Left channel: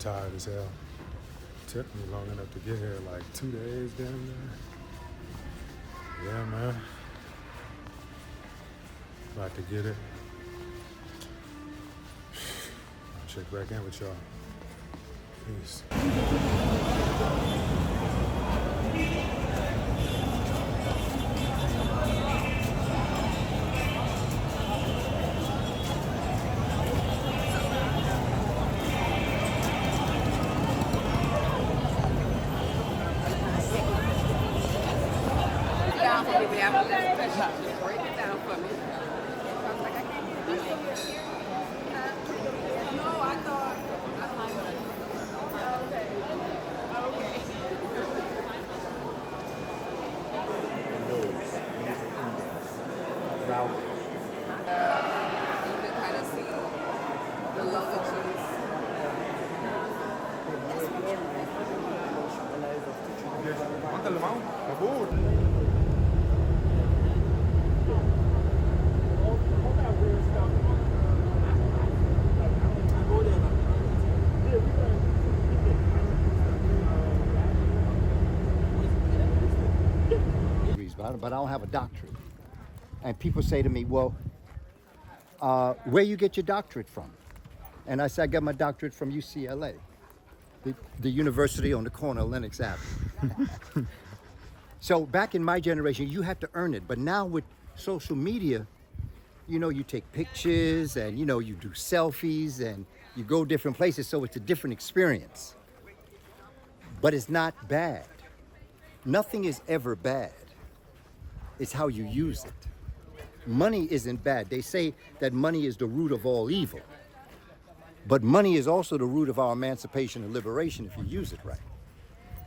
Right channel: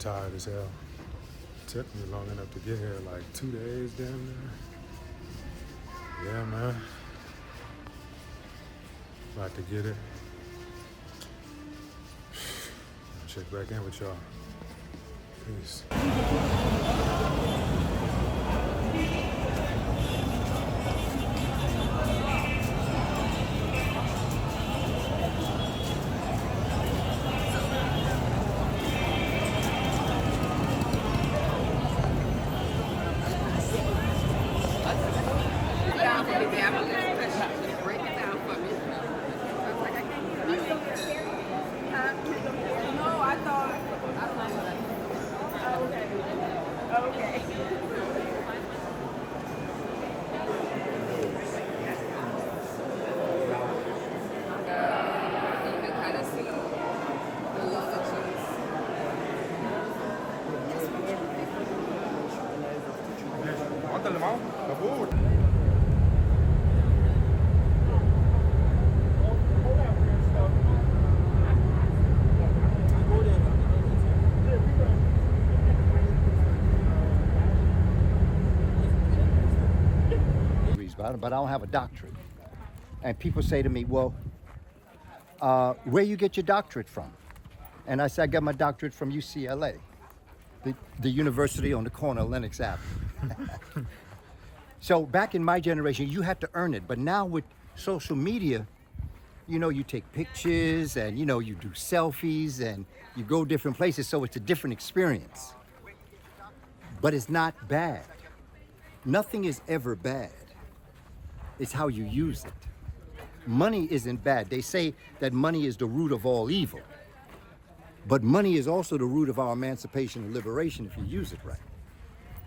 tired as hell. Took me long enough to get here, like 2 days down there. Yeah, man. About to get it. I'll check back in with y'all. Peace. But I don't have a doctorate. And people say to me, well, where you get your doctorate from? And I say, I got my doctorate from UCLA, the university on the corner of Lenox Avenue. So back in my generation, you had to earn it. But now with social media, you know, you take pictures and, you know, you do selfies and you go different places. So it's a different experience. But it's not bad. Nothing is ever bad. It's how you use it. Money isn't bad. They say that money is the root of all evil. But money is also the root of our emancipation and liberation if you use it right.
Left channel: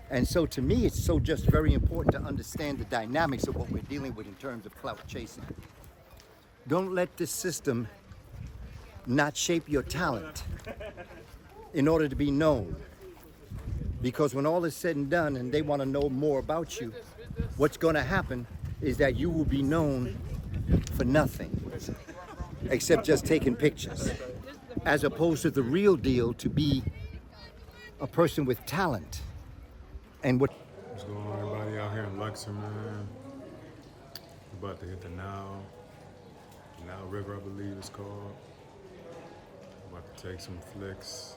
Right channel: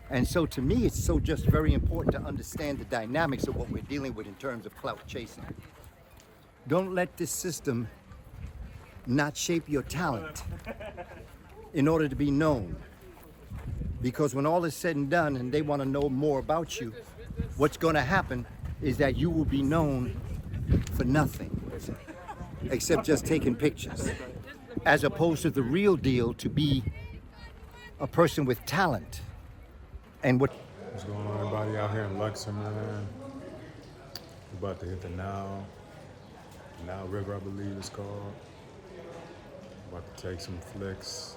And so to me, it's so just very important to understand the dynamics of what we're dealing with in terms of clout chasing. Don't let this system not shape your talent in order to be known. Because when all is said and done and they want to know more about you, what's going to happen is that you will be known for nothing except just taking pictures, as opposed to the real deal to be a person with talent. And What's going on, everybody out here in Luxor, man? We're about to hit the Nile River, I believe it's called. About to take some flicks,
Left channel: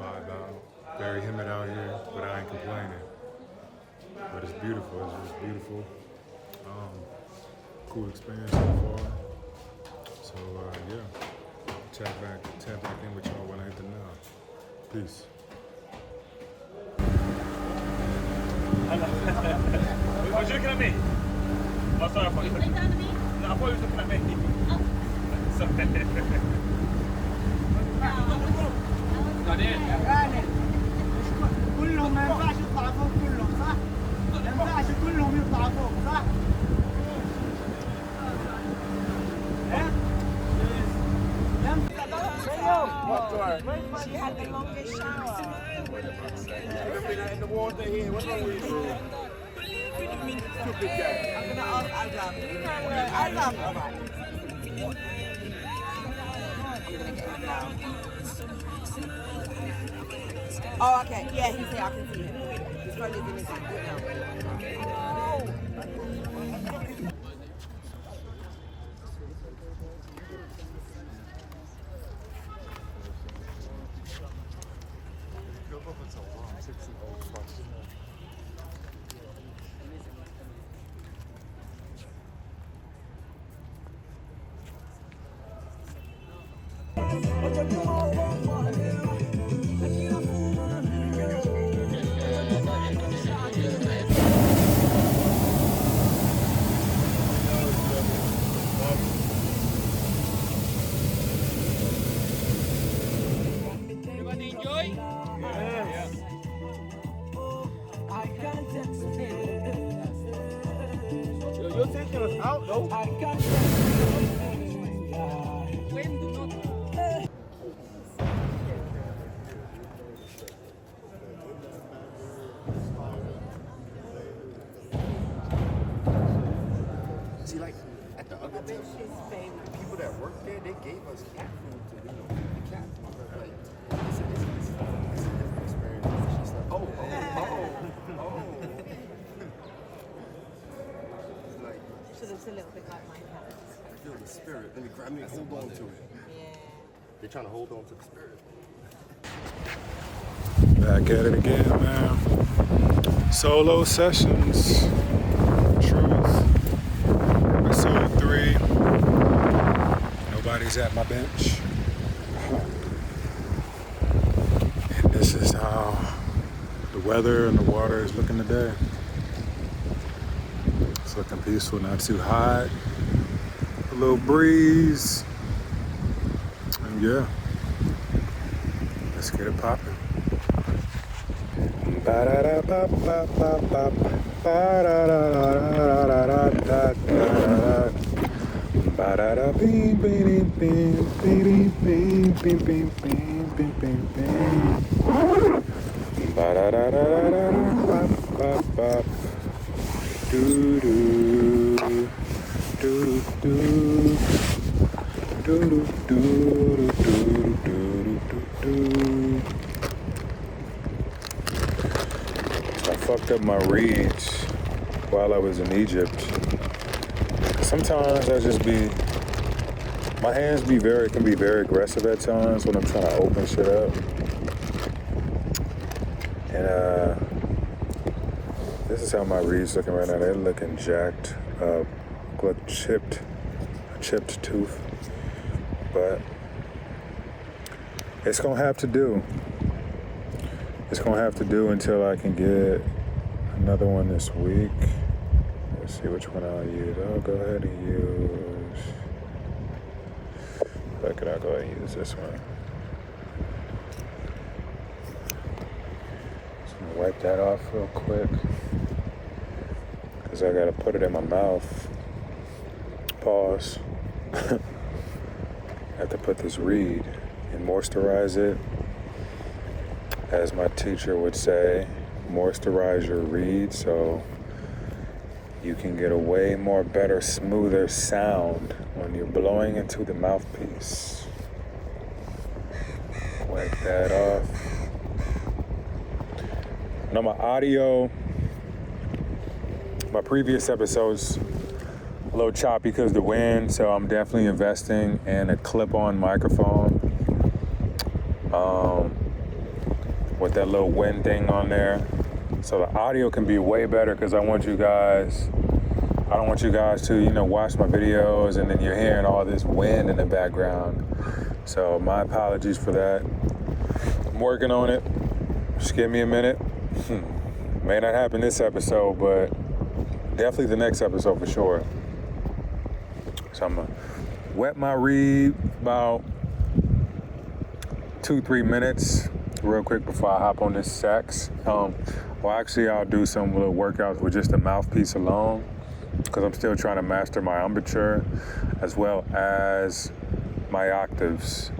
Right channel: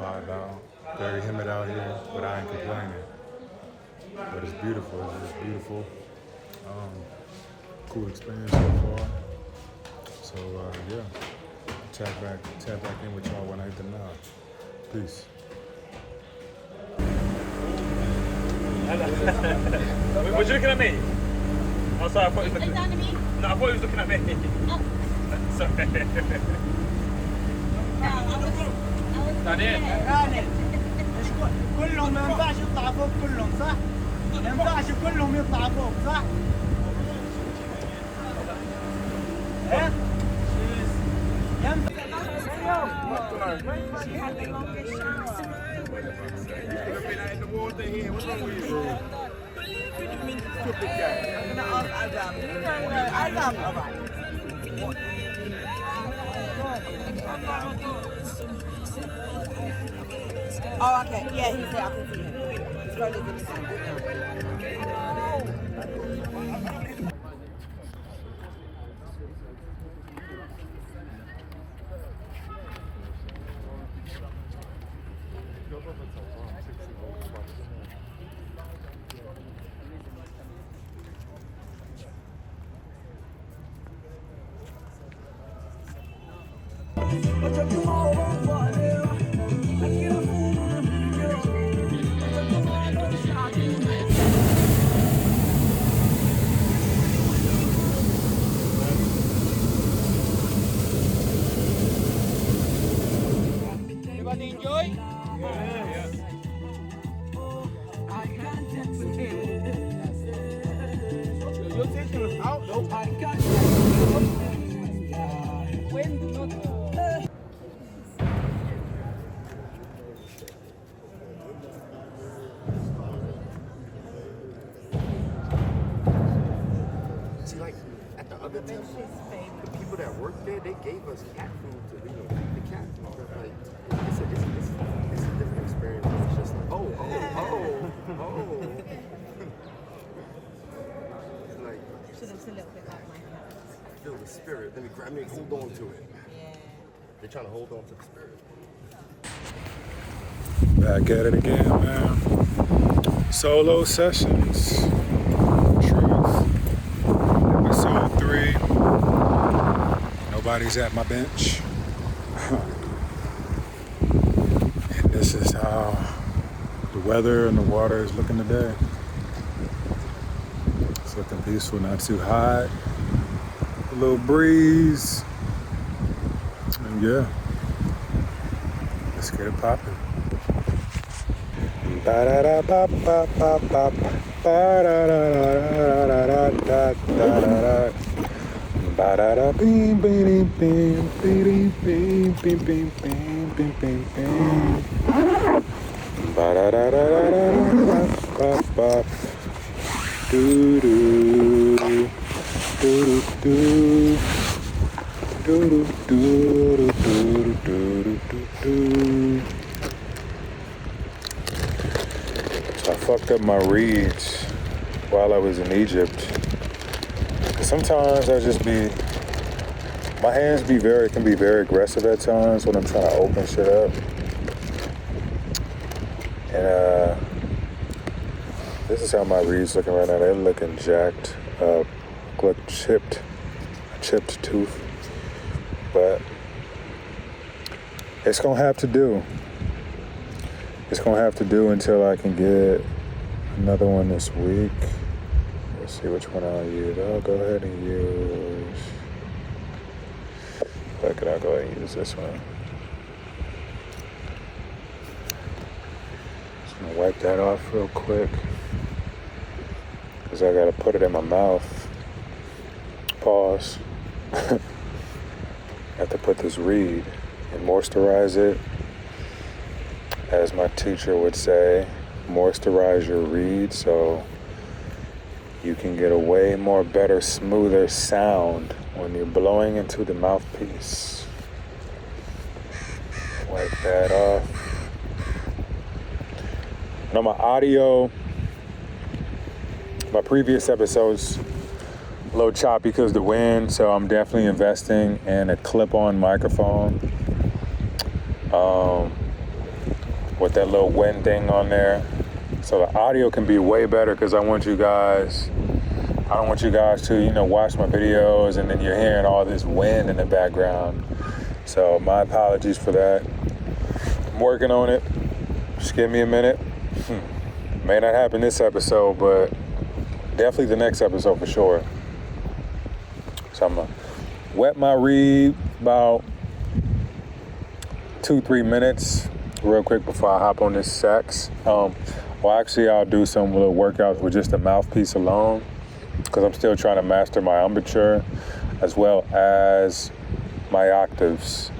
vibe out. Very humid out here, but I ain't complaining. But it's beautiful. It's just beautiful. Cool experience so far. So yeah, tap back in with y'all when I hit the Nile. Peace. Was you looking at me? Oh, sorry, I thought you were looking at me. No, I thought you was looking at me. Oh. Sorry. كلهم ما ينفعش يطلع فوق كلهم صح؟ ما ينفعش كلهم يطلع فوق صح؟ Oh, okay. Yeah, he's there. I can see him. He's running inside. see, like at the other thing, the people that work there, they gave us cat food to, you know, the cat food. Like, I said, this the spirit. Let me grab me. I'm going to it. Yeah. They're trying to hold on to the spirit. Back at it again, man. Solo sessions. Truth. Episode 3. Nobody's at my bench. And this is how the weather and the water is looking today. It's looking peaceful, not too hot. A little breeze. And yeah, let's get it popping. I fucked up my reeds while I was in Egypt. Sometimes my hands can be very aggressive at times when I'm trying to open shit up. And this is how my reeds looking right now. They're looking jacked up, look a chipped tooth. But it's gonna have to do. It's gonna have to do until I can get another one this week. Let's see which one I'll use. I'll go ahead and use. Fuck it, I'll go ahead and use this one. Just gonna wipe that off real quick, cause I gotta put it in my mouth. Pause. I have to put this reed and moisturize it. As my teacher would say, moisturize your reed so you can get a way more better, smoother sound when you're blowing into the mouthpiece. Wipe that off. And on my audio, my previous episodes, a little choppy because of the wind, so I'm definitely investing in a clip-on microphone. With that little wind thing on there. So the audio can be way better because I don't want you guys to, watch my videos and then you're hearing all this wind in the background. So my apologies for that. I'm working on it. Just give me a minute. May not happen this episode, but definitely the next episode for sure. So I'm gonna wet my reed about 2-3 minutes real quick before I hop on this sax. I'll do some little workouts with just the mouthpiece alone because I'm still trying to master my embouchure as well as my octaves.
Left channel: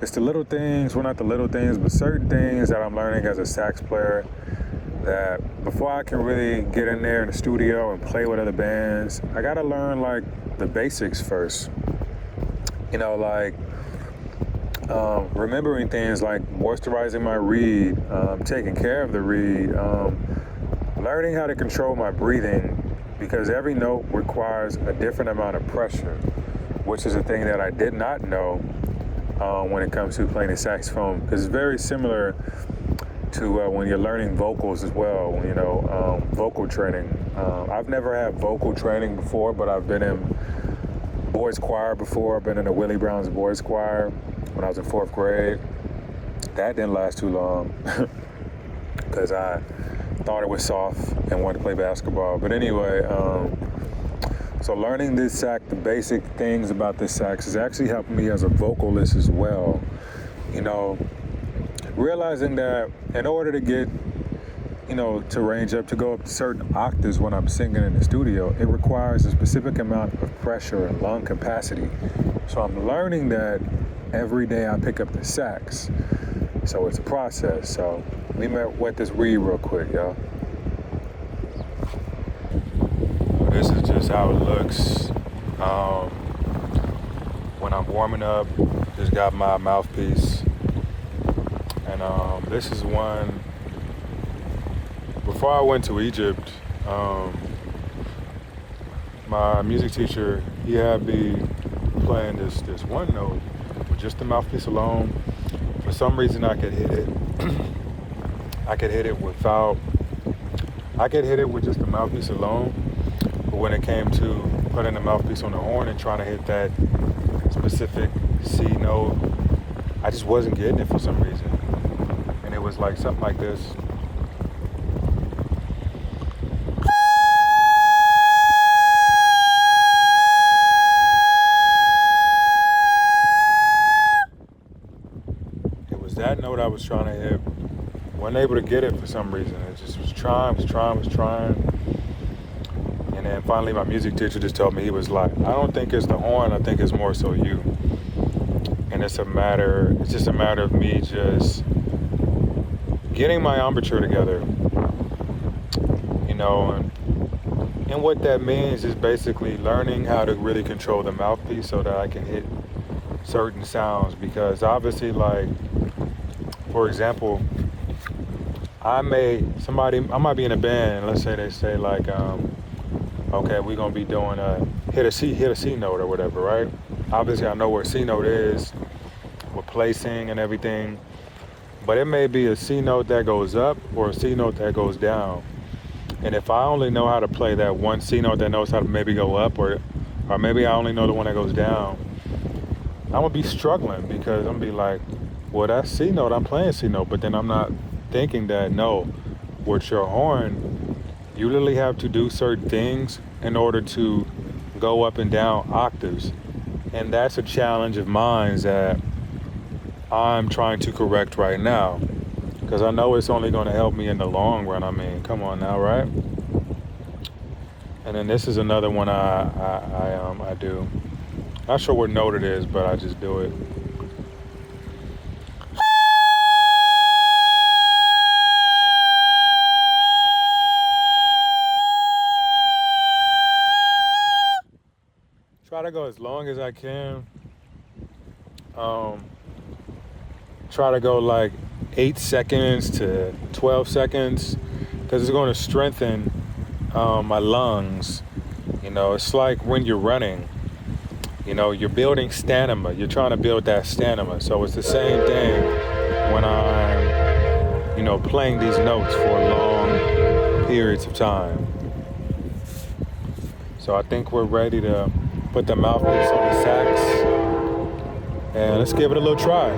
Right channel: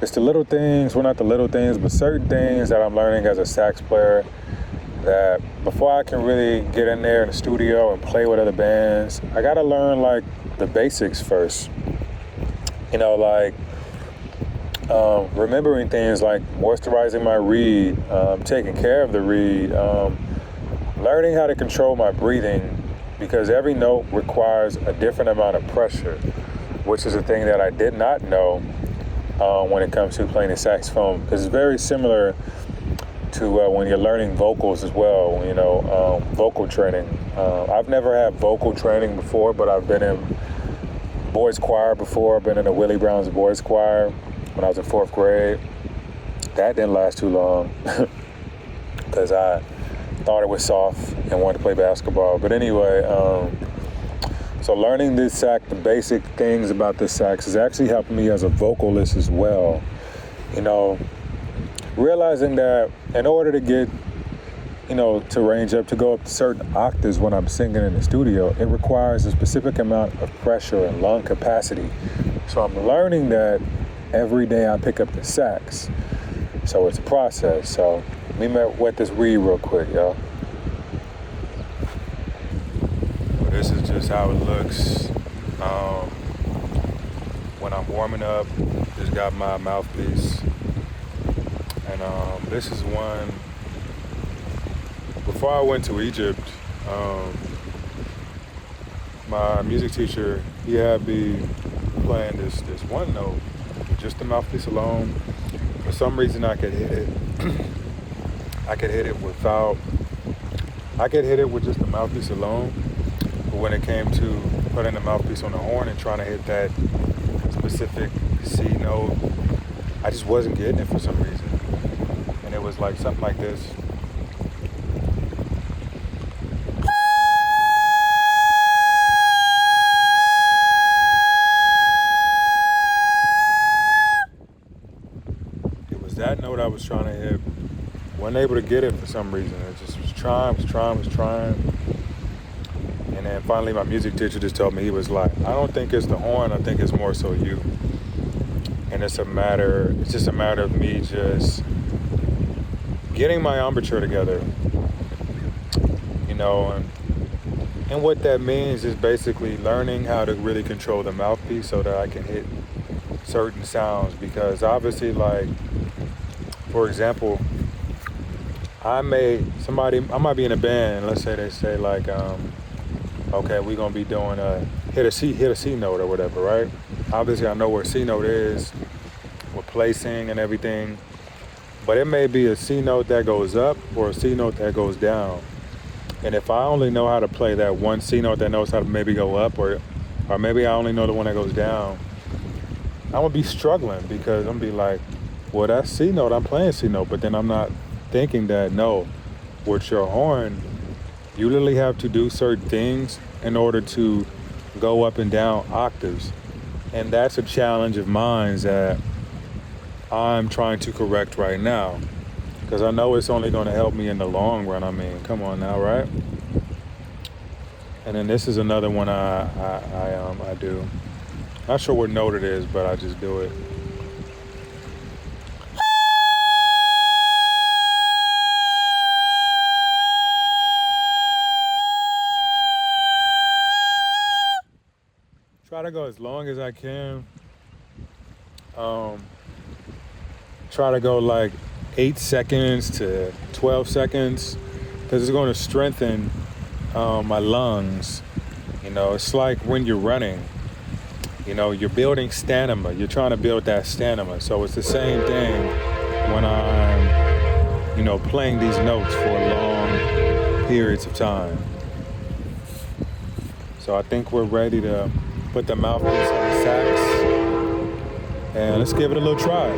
It's the little things, well, not the little things, but certain things that I'm learning as a sax player that before I can really get in there in the studio and play with other bands, I gotta learn like the basics first. Remembering things like moisturizing my reed, taking care of the reed, learning how to control my breathing because every note requires a different amount of pressure, which is a thing that I did not know when it comes to playing the saxophone because it's very similar to when you're learning vocals as well, vocal training. I've never had vocal training before, but I've been in boys choir before. I've been in the Willie Brown's boys choir when I was in 4th grade. That didn't last too long because I thought it was soft and wanted to play basketball. But anyway, so learning this sax, the basic things about this sax is actually helping me as a vocalist as well. Realizing that in order to get, to range up, to go up to certain octaves when I'm singing in the studio, it requires a specific amount of pressure and lung capacity. So I'm learning that every day I pick up the sax. So it's a process. So let me wet this reed real quick, y'all. Well, this is just how it looks when I'm warming up. Just got my mouthpiece. And this is one, before I went to Egypt, my music teacher, he had me playing this one note with just the mouthpiece alone. For some reason, I could hit it. I could hit it with just the mouthpiece alone. But when it came to putting the mouthpiece on the horn and trying to hit that specific C note, I just wasn't getting it for some reason. And it was like something like this. It was that note I was trying to hit. Wasn't able to get it for some reason. It just was trying. And then finally my music teacher just told me, he was like, I don't think it's the horn, I think it's more so you. And it's just a matter of me just getting my embouchure together. You know, and what that means is basically learning how to really control the mouthpiece so that I can hit certain sounds. Because obviously, like, for example, I might be in a band, let's say they say like, okay, we're gonna be doing hit a C note or whatever, right? Obviously I know where C note is, with placing and everything, but it may be a C note that goes up or a C note that goes down. And if I only know how to play that one C note that knows how to maybe go up, or maybe I only know the one that goes down, I'm gonna be struggling, because I'm gonna be like, well, that's C note, I'm playing C note, but then I'm not thinking that, no, with your horn, you literally have to do certain things in order to go up and down octaves. And that's a challenge of mine that I'm trying to correct right now, because I know it's only going to help me in the long run. I mean, come on now, right? And then this is another one I do. Not sure what note it is, but I just do it. Try to go as long as I can. Try to go like 8 seconds to 12 seconds, because it's going to strengthen my lungs. You know, it's like when you're running, you know, you're building stamina. You're trying to build that stamina. So it's the same thing when I'm, you know, playing these notes for long periods of time. So I think we're ready to put the mouthpiece on the sax, and let's give it a little try.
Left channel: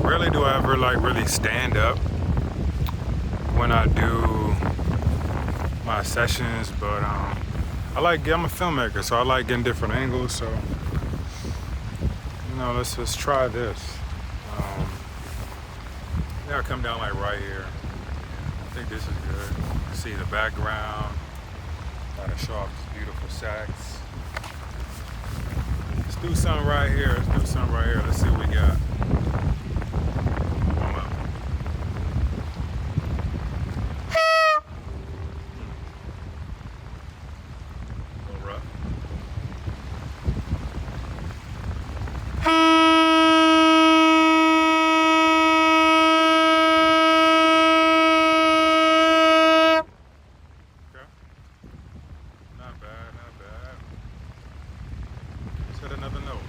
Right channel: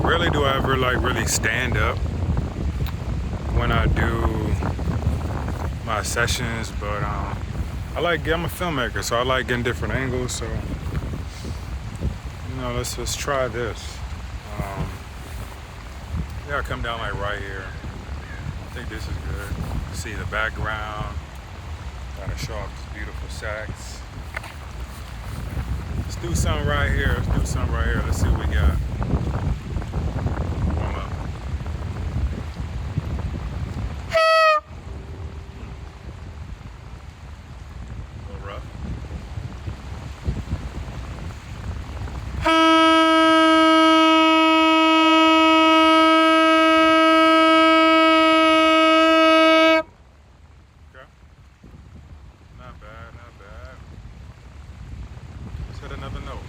Rarely do I ever like really stand up when I do my sessions, but I'm a filmmaker, so I like getting different angles. So, you know, let's try this. Yeah, I come down like right here. I think this is good. See the background. Gotta show off this beautiful sax. Let's do something right here. Let's see what we got. Warm up. A little rough. Not bad. Let's hit another note.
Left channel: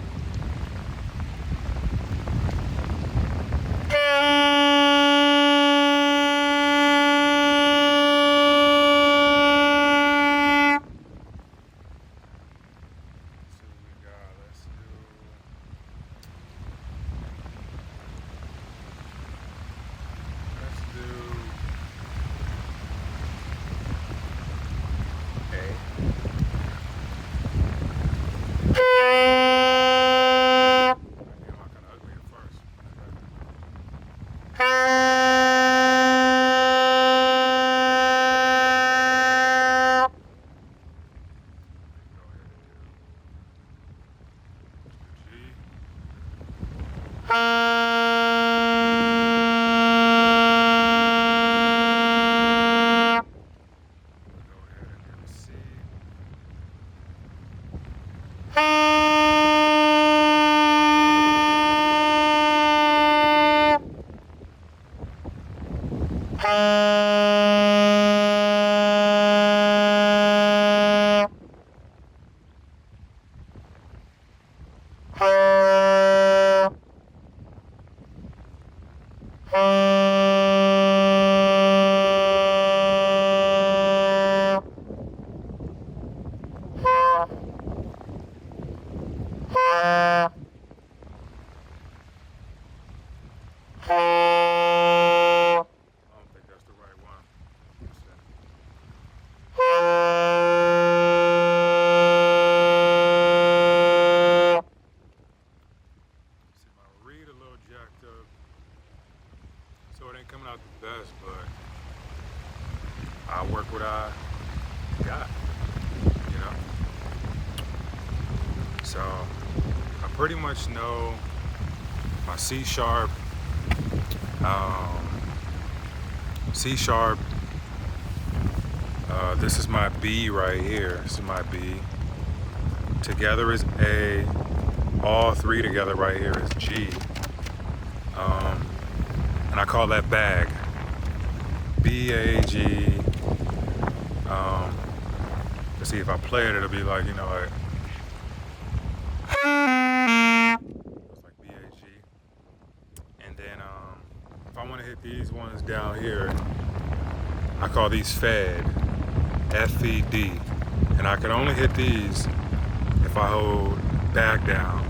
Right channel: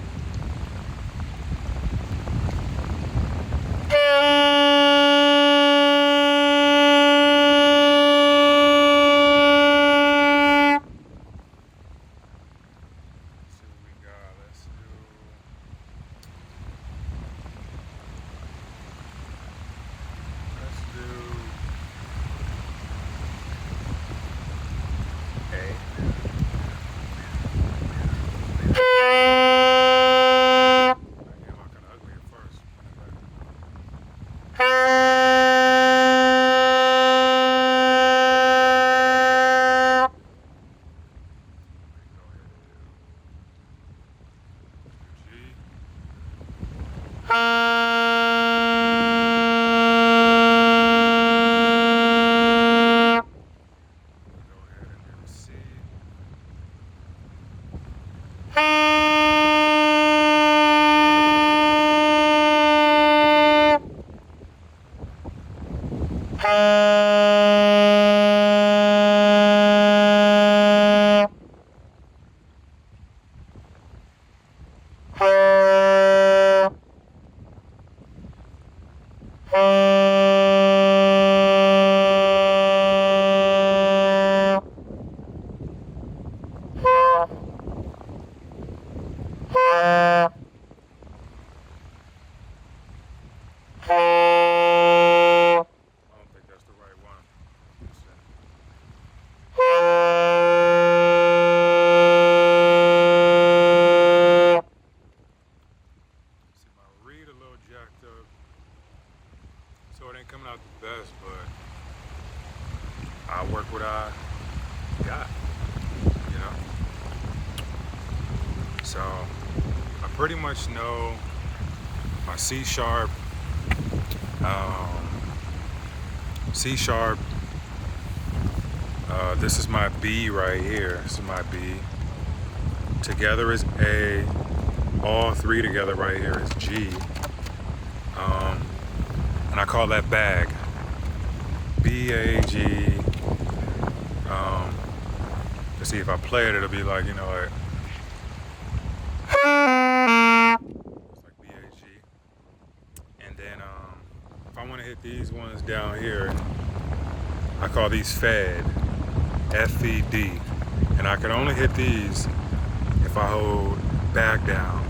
jacked up. So it ain't coming out the best, but I work what I got, you know? So I pretty much know my C sharp, this is my B right here. This is my B. Together is A. All three together right here is G. And I call that bag. B-A-G. Let's see, if I play it, it'll be like, you know, like, it's like B-A-G. And then if I want to hit these ones down here, I call these Fed. F-E-D. And I can only hit these if I hold bag down.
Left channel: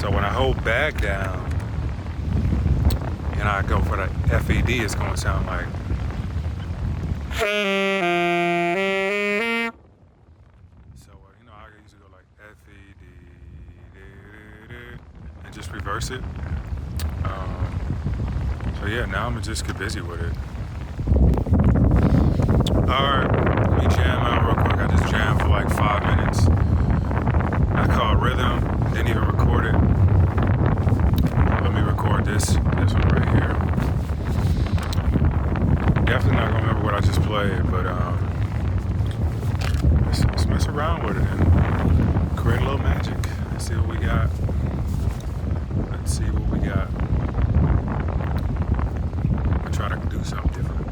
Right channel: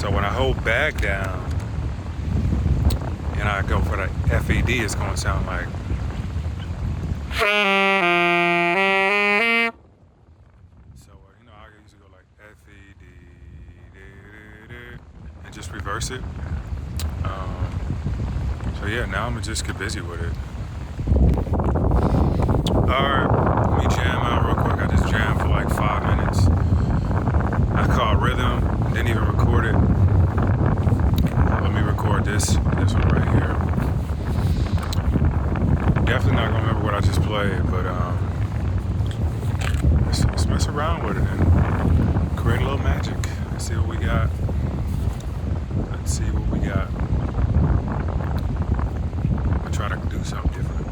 So when I hold bag down and I go for the F-E-D, it's going to sound like. So, you know, I usually go like F-E-D and just reverse it. So yeah, now I'm going to just get busy with it. Alright, let me jam out real quick. I just jammed for like 5 minutes. I caught rhythm, didn't even record it. Let me record this one right here. Definitely not gonna remember what I just played, but let's mess around with it and create a little magic. Let's see what we got. Let's see what we got. I'm gonna try to do something different.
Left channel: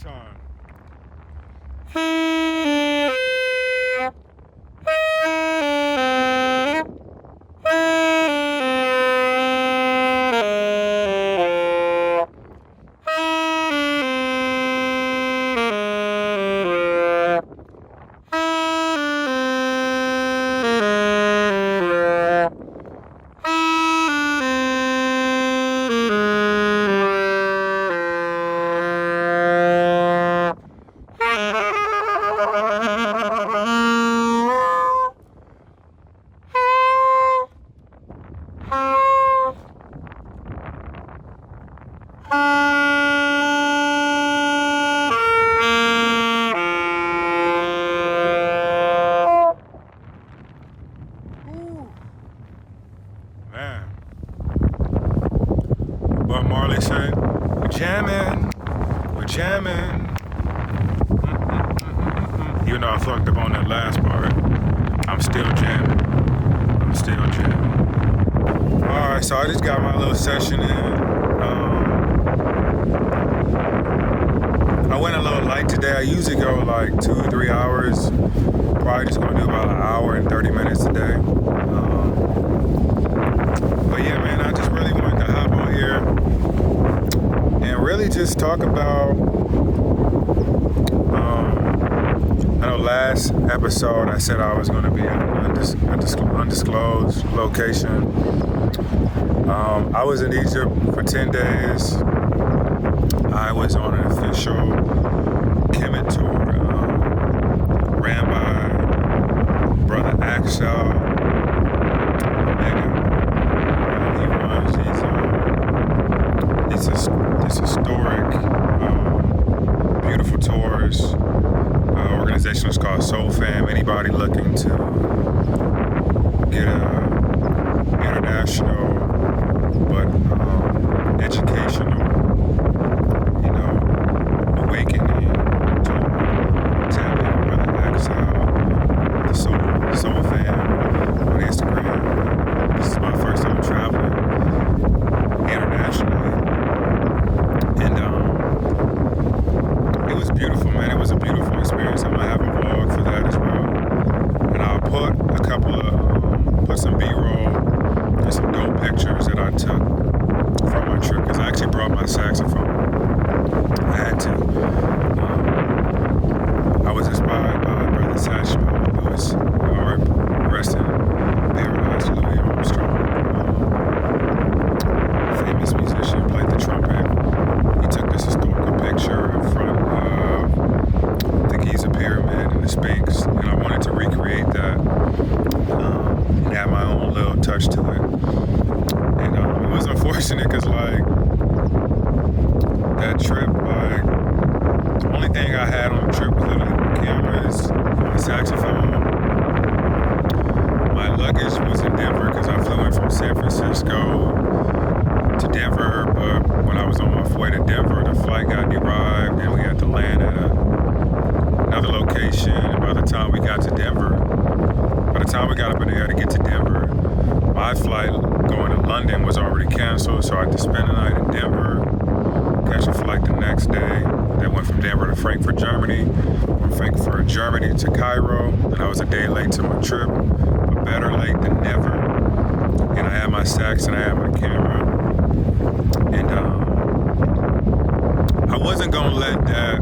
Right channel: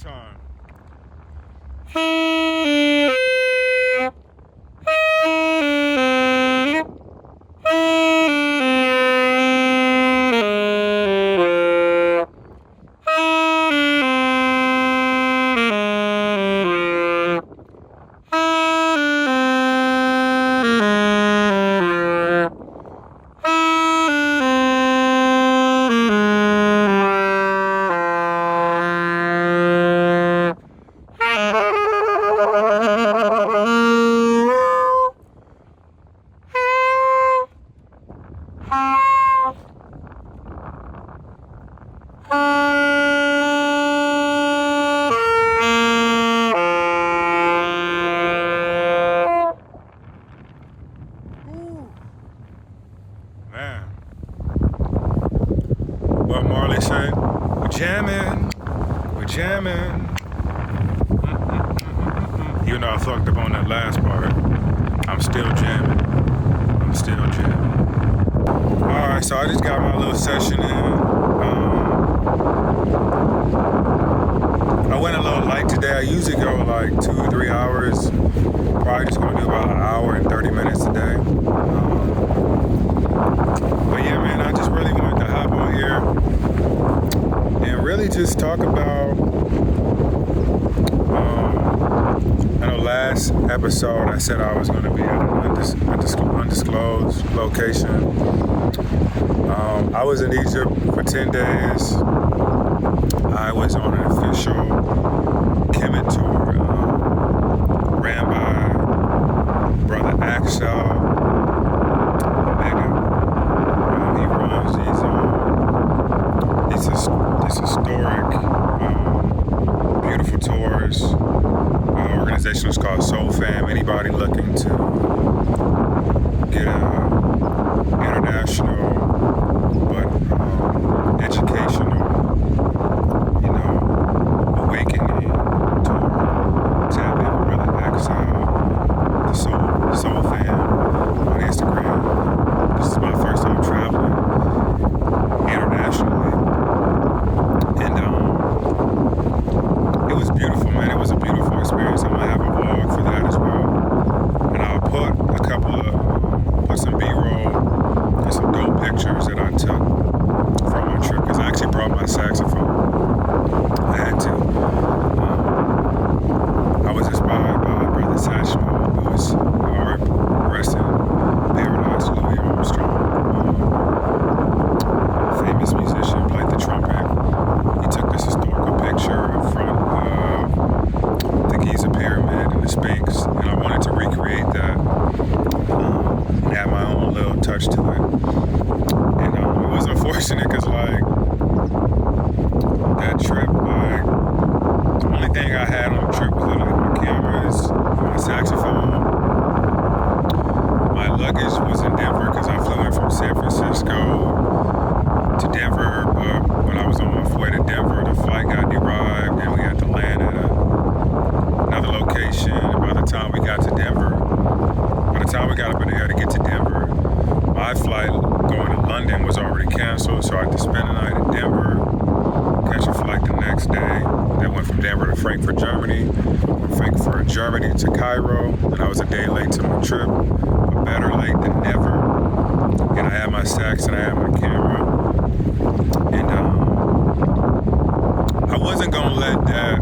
time. Man. What Marley said? We're jamming. We're jamming. You know I fucked up on that last part. I'm still jamming. I'm still jamming. Alright, so I just got my little session in. I went a little light today. I usually go like 2 or 3 hours. Probably just gonna do about an hour and 30 minutes today. But yeah, man, I just really wanted to hop on here and really just talk about, I know last episode I said I was going to be at an undisclosed location. I was in Egypt for 10 days. I was on an official Kemet tour, ran by Brother Axel. These historic, beautiful tours. Organization is called Soul Fam. Anybody looking to get a international but educational, awakening to tap in with Brother Axel, the Soul Fam on Instagram. This is my first time traveling internationally. And it was beautiful, man. It was a beautiful experience. I'm gonna have a vlog for that as well. And I'll put put some B-roll and some dope pictures that I took from my trip. Because I actually brought my saxophone. I had to. I was inspired by Brother Satchmo Lewis, rest in paradise, Louis Armstrong. Famous musician, played the trumpet. He took this historical picture in front of the Giza Pyramid and the Sphinx, and I wanted to recreate that and add my own little touch to it. And it was unfortunate because, like, that trip, like, the only thing I had on the trip was literally my cameras, my saxophone. My luggage was in Denver because I flew in from San Francisco to Denver, but when I was on my way to Denver, the flight got derived and we had to land at another location. And by the time we got to Denver, by the time we got up in the air to get to Denver, my flight going to London was already canceled, so I had to spend the night in Denver, catch a flight the next day that went from Denver to Frankfurt, Germany, from Frankfurt, Germany to Cairo, and I was a day late to my trip, but better late than never. And I had my sax and I had my camera. And I wasn't gonna let that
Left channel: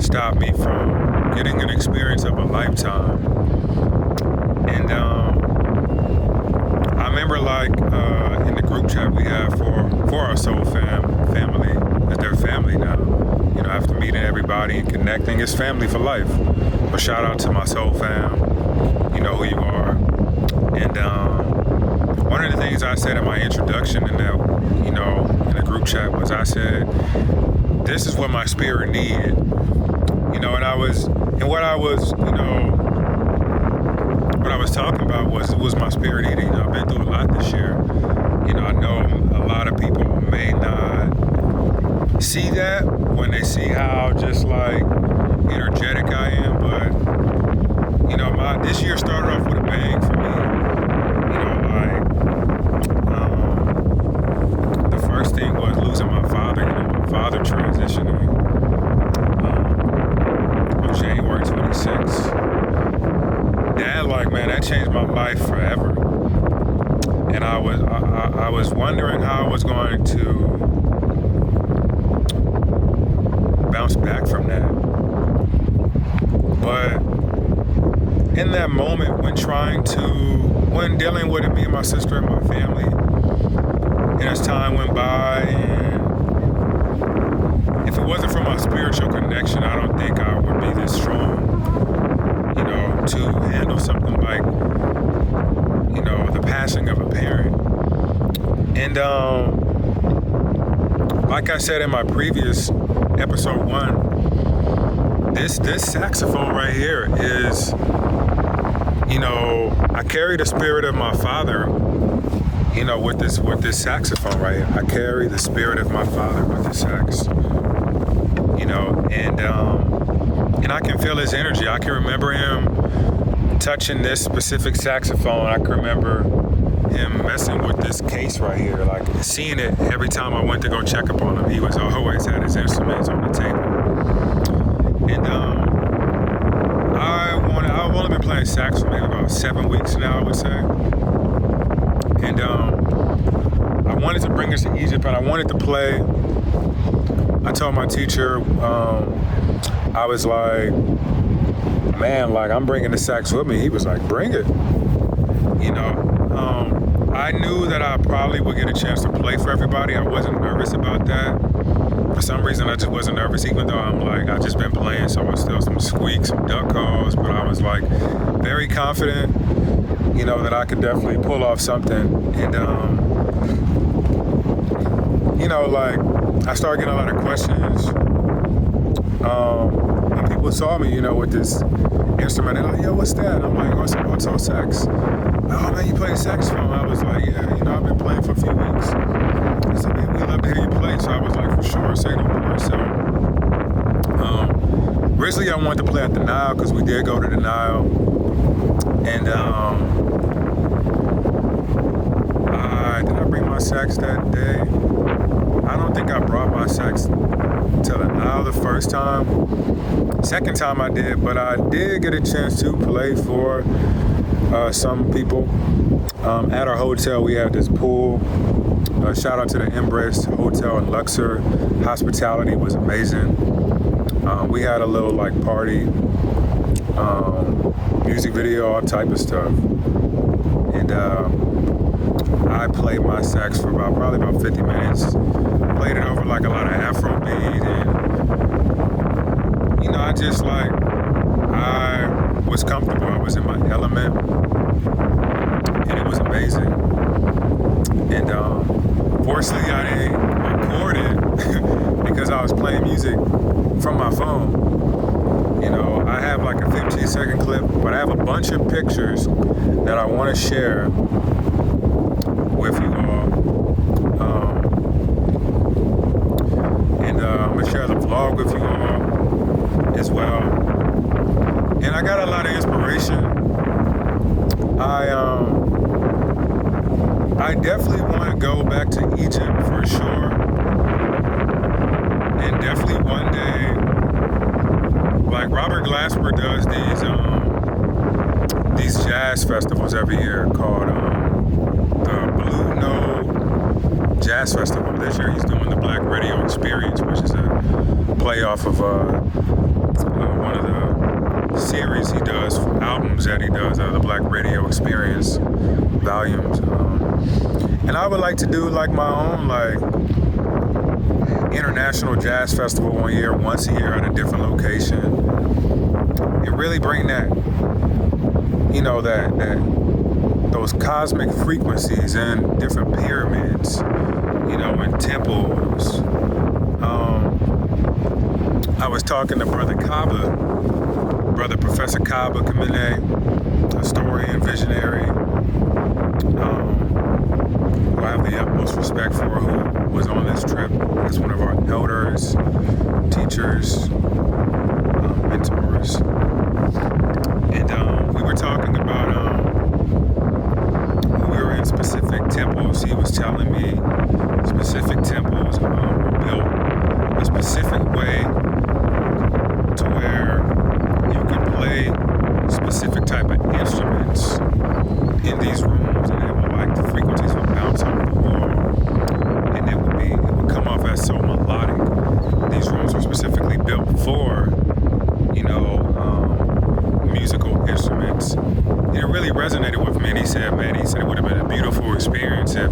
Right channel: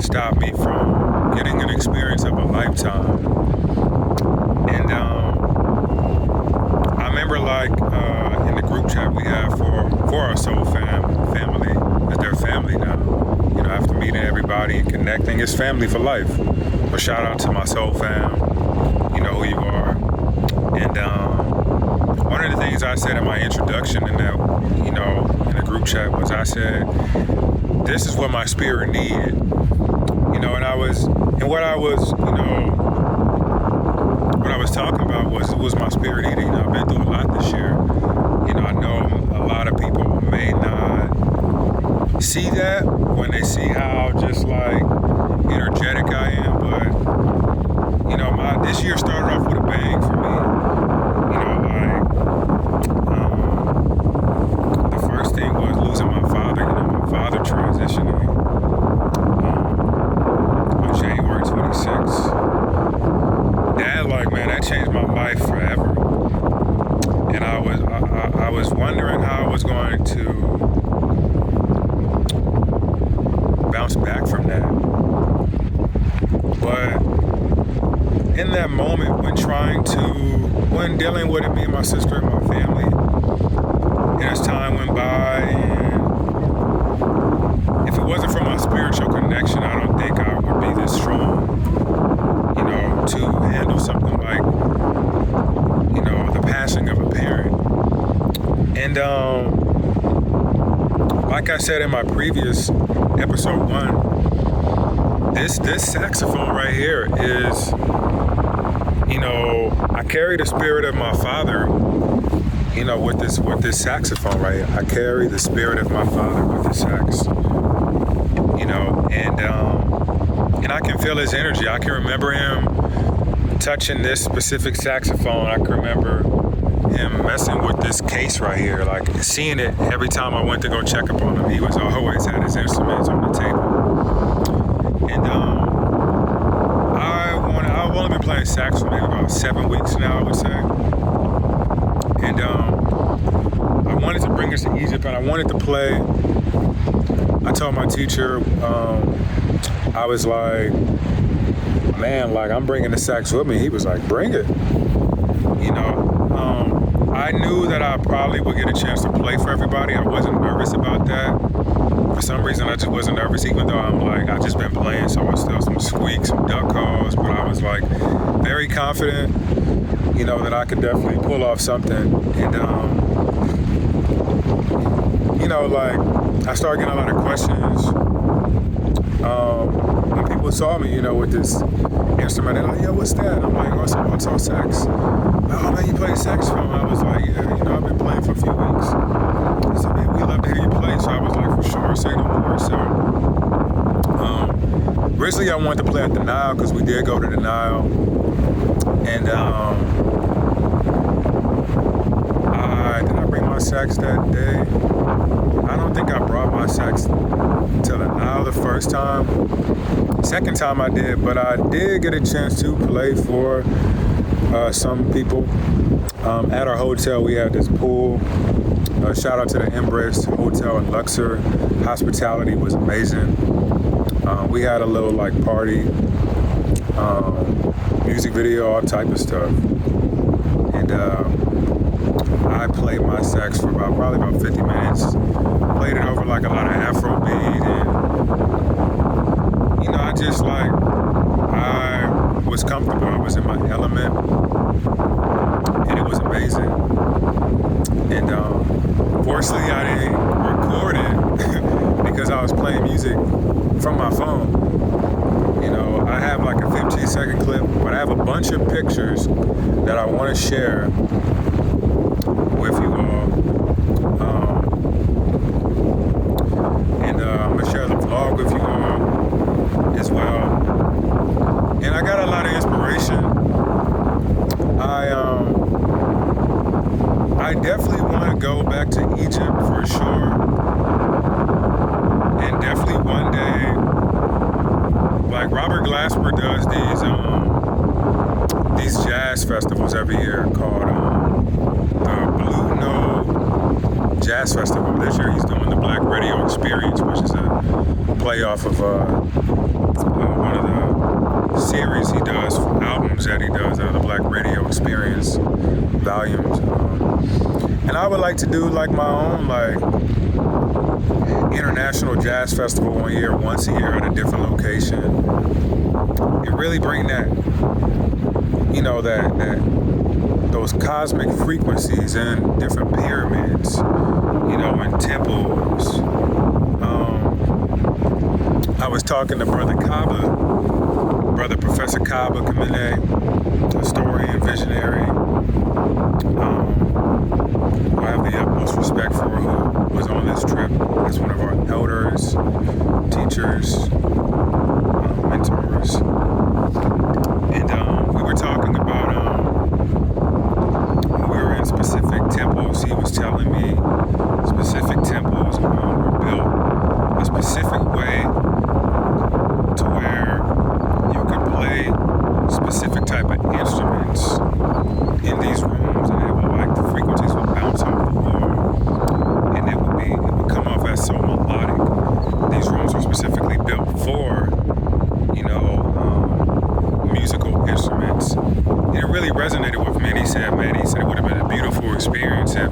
stop me from getting an experience of a lifetime. And I remember, like, in the group chat we have for our Soul family, as their family now. After meeting everybody and connecting, it's family for life. So shout out to my Soul Fam. You know who you are. And one of the things I said in my introduction in that, in the group chat was, I said, this is what my spirit needed. What I was talking about was my spirit needed. I've been through a lot this year. I know a lot of people may not see that when they see how just like energetic I am, but this year started off with a bang for me. The first thing was losing my father. My father transitioning. I was wondering how I was going to bounce back from that. But in that moment, when dealing with it, me and my sister and my family, and as time went by, and if it wasn't for my spiritual connection, I don't think I would be this strong, to handle something like, the passing of a parent. And like I said in my previous episode 1, this saxophone right here is, I carry the spirit of my father, with this saxophone right here. I carry the spirit of my father with the sax, and I can feel his energy. I can remember him touching this specific saxophone. I can remember him messing with this case right here, like seeing it every time I went to go check up on him. He was always had his instruments on the table. And I've only been playing sax for maybe about 7 weeks now, I would say. And I wanted to bring us to Egypt, and I wanted to play. I told my teacher, I was like, man, like, I'm bringing the sax with me. He was like, bring it. I knew that I probably would get a chance to play for everybody. I wasn't nervous about that. For some reason, I just wasn't nervous, even though I've just been playing, so it's still some squeaks, some duck calls, but I was like very confident, that I could definitely pull off something. And, I started getting a lot of questions. When people saw me, with this instrument, they're like, yo, what's that? And I'm like, oh, it's an alto sax. Oh, man, you play saxophone? I was like, yeah, I've been playing for a few weeks. I said, man, we love to hear you play. So I was like, for sure, say no more. So originally I wanted to play at the Nile because we did go to the Nile. And did I bring my sax that day? I don't think I brought my sax to the Nile the first time. Second time I did, but I did get a chance to play for some people. At our hotel, we had this pool. Shout out to the Embrace Hotel in Luxor. Hospitality was amazing. We had a little party, music video, all type of stuff. And I played my sax for probably about 50 minutes. Played it over a lot of Afrobeat, and I was comfortable. I was in my element, and it was amazing. And fortunately, I didn't record it because I was playing music from my phone. I have a 15-second clip, but I have a bunch of pictures that I want to share with you all. And I'm going to share the vlog with you all as well. And I got a lot of inspiration. I definitely want to go back to Egypt for sure. And definitely one day, Robert Glasper does these jazz festivals every year called the Blue Note Jazz Festival. This year he's doing the Black Radio Experience, which is a play off of one of the series he does, albums that he does, the Black Radio Experience volumes. And I would like to do my own international jazz festival once a year at a different location, and really bring that, those cosmic frequencies in different pyramids, and temples. I was talking to Brother Professor Kaba Kemet, historian, visionary, who I have the utmost respect for, who was on this trip as one of our elders, teachers, mentors. And we were talking about, we were in specific temples. He was telling me specific temples were built a specific way to where you could play specific type of instruments in these rooms, and it would the frequencies would bounce off the wall. West so melodic. These rooms were specifically built for, musical instruments. And it really resonated with me. And he said it would have been a beautiful experience if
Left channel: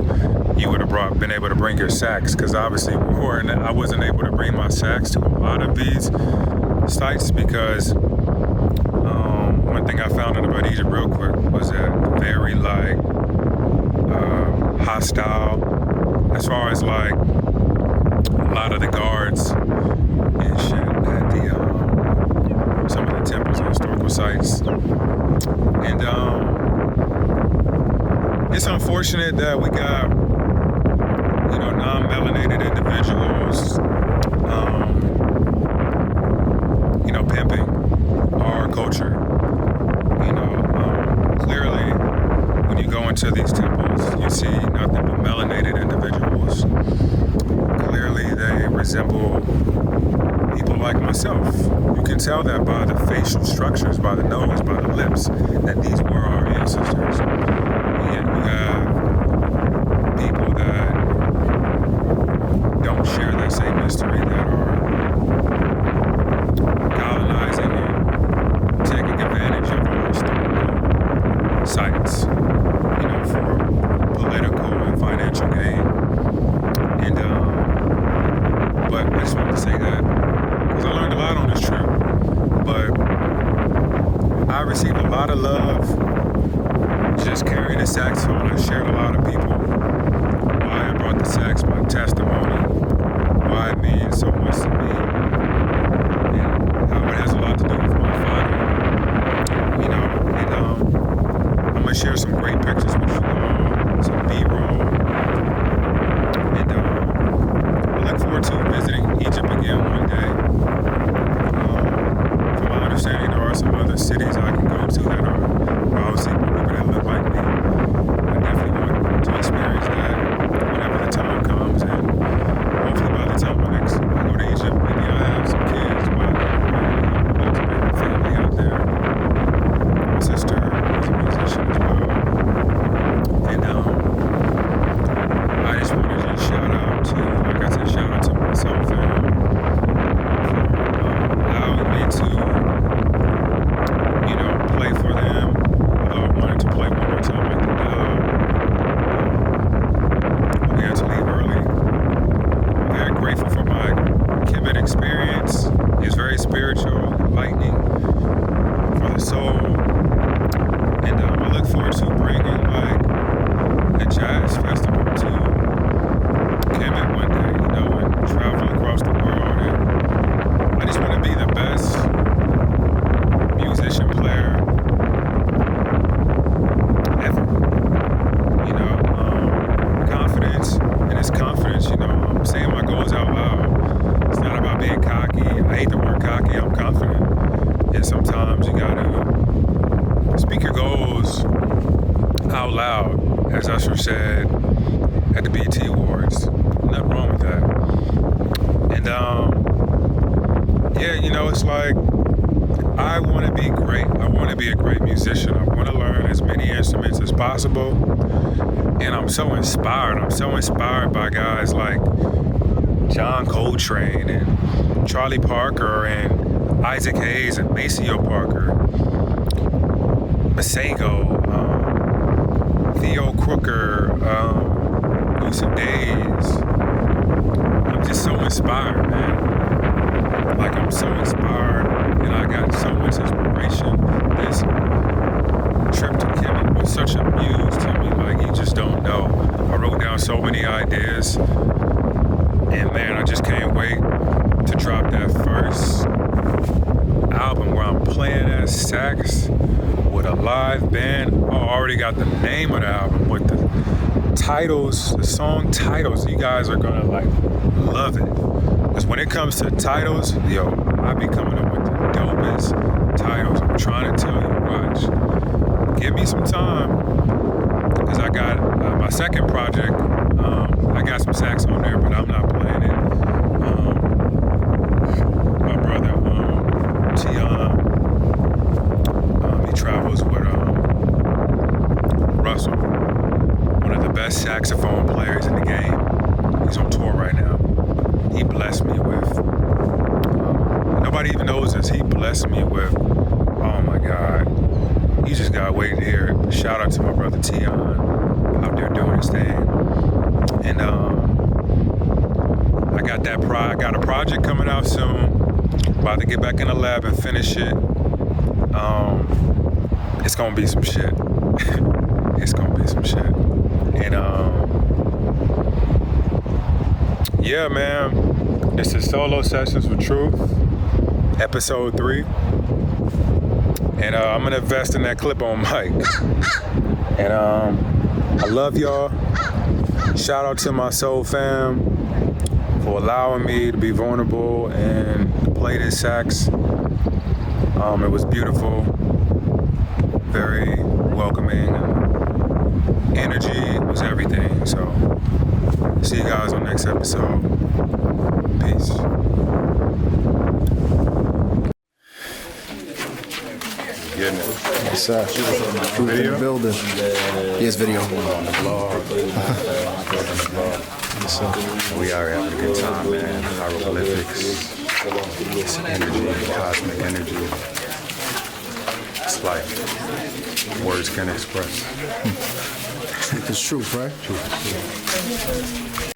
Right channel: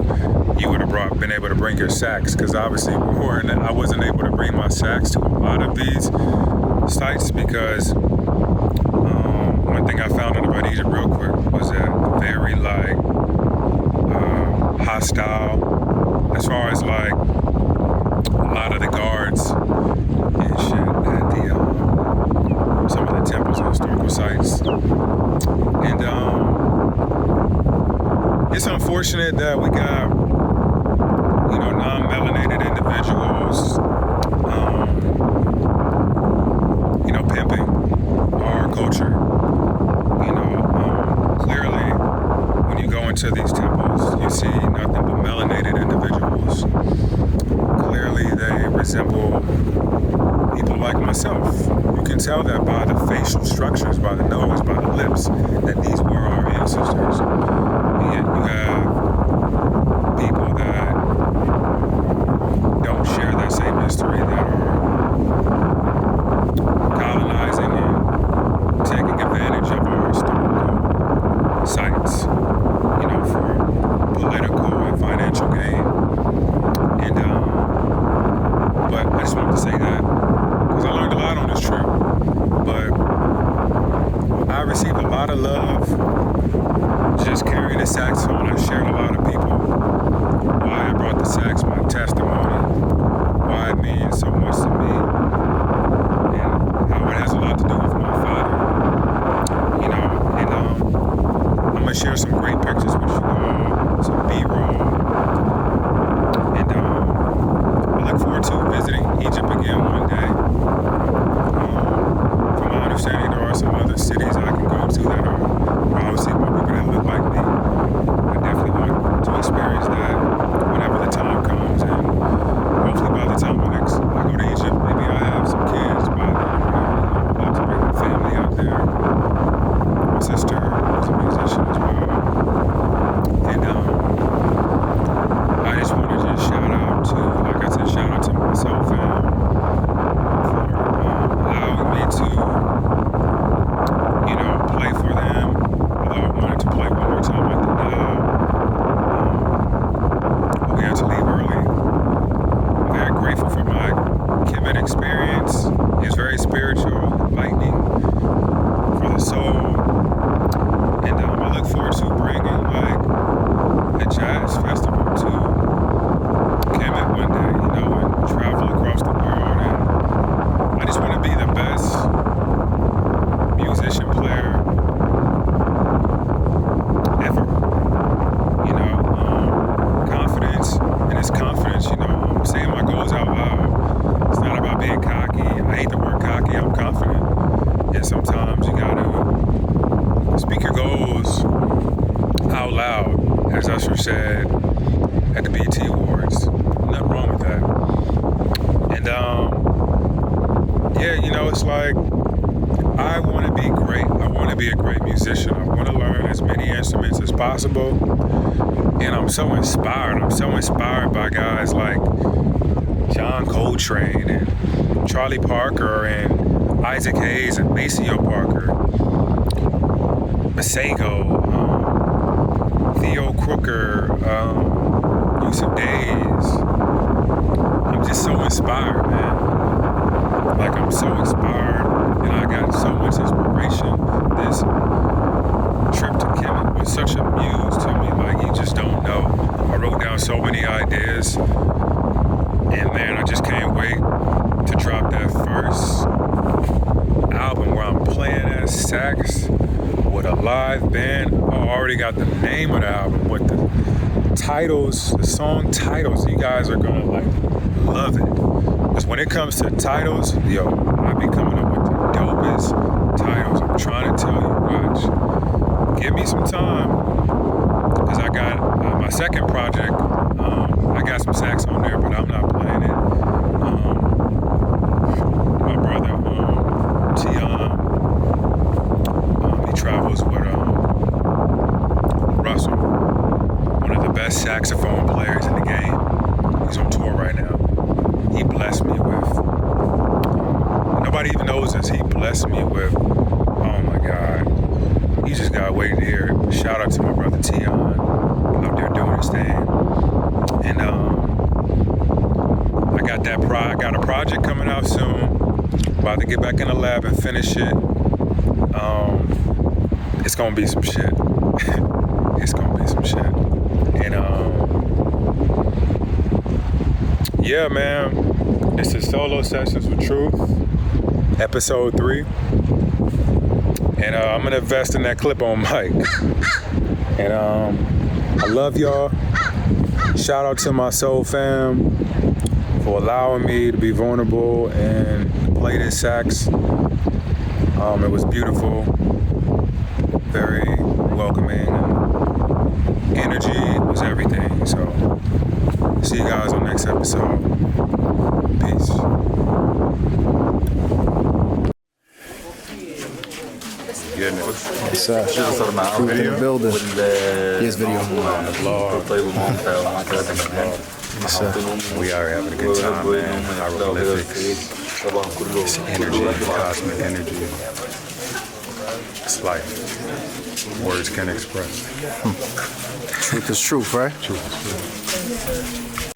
you would have been able to bring your sax, because obviously I wasn't able to bring my sax to a lot of these sites because one thing I found out about Egypt real quick was that very hostile as far as like a lot of the guards and shit at the some of the temples and historical sites. And it's unfortunate that we got non-melanated individuals pimping our culture. Clearly when you go into these temples you see nothing but melanated individuals. Clearly they resemble people like myself. You can tell that by the facial structures, by the nose, by the lips, that these were our ancestors. And yet you have people that don't share that same history, that are colonizing and taking advantage of our historical sites, for political and financial gain. And but I just wanted to say that because I learned a lot on this trip. But I received a lot of love just carrying the saxophone. I shared a lot of people why I brought the sax, my testimony, why it means so much to me, and how it has a lot to do with my father. And I'm gonna share some great pictures with you all, some B-roll, and I look forward to visiting Egypt again one day. From my understanding, there are some other cities I can go to that are obviously more people that look like me. I definitely want to experience that whenever the time comes, and hopefully by the time I go to Egypt, maybe I have some kids by then. I'd love to bring a family out there. My sister is a musician as well. And I just want to shout out to, like I said, shout out to myself and for allowing me to, play for them. Although I wanted to play one more time at the we had to leave early. I'm very grateful for my Kemet experience. It's very spiritual, enlightening for the soul. And I look forward to bringing a jazz festival to Kemet one day, and travel across the world. And I just want to be the best musician player ever. Confidence, and it's confidence, I'm saying my goals out loud. It's not about being cocky. I hate the word cocky. I'm confident. And sometimes you gotta speak your goals out loud, as Usher said at the BET Awards. Nothing wrong with that. And it's like I want to be great. I want to be a great musician. I want to learn as many instruments as possible. And I'm so inspired. I'm so inspired by guys like John Coltrane and Charlie Parker and Isaac Hayes and Maceo Parker, Masego, Theo Crooker, Yusuf Days. I'm just so inspired, man. Like, I'm so inspired, and I got so much inspiration. This trip to Kemet was such a muse to me, like you just don't know. I wrote down so many ideas, and man, I just can't wait to drop that first album where I'm playing that sax with a live band. I already got the name of the album with the titles, the song titles. You guys are gonna love it. Because when it comes to titles, I be coming up with the dopest titles. I'm trying to tell you, watch. Give me some time, because I got my second project. I got some sax on there, but I'm not playing it. My brother, Tion, he travels with Russell, one of the best saxophone players in the game. He's on tour right now. nobody even knows this. He blessed me with, oh my God. You just gotta wait to hear it. Shout out to my brother Tion out there doing his thing. And I got a project coming out soon. About to get back in the lab and finish it. It's gonna be some shit. It's gonna be some shit. And yeah, man. This is Solo Sessions with Truth, episode 3. And I'm gonna invest in that clip on mic. And I love y'all. Shout out to my soul fam for allowing me to be vulnerable and play this sax. It was beautiful, very welcoming. Energy was everything. So see you guys on next episode. Peace. Getting it. Yes, sir. Truth in the building. Yes, video. On the blog. Yes, sir. We are having a good time, man. Hieroglyphics. It's energy, cosmic energy. It's like words can't express. Truth is truth, right? Truth is truth.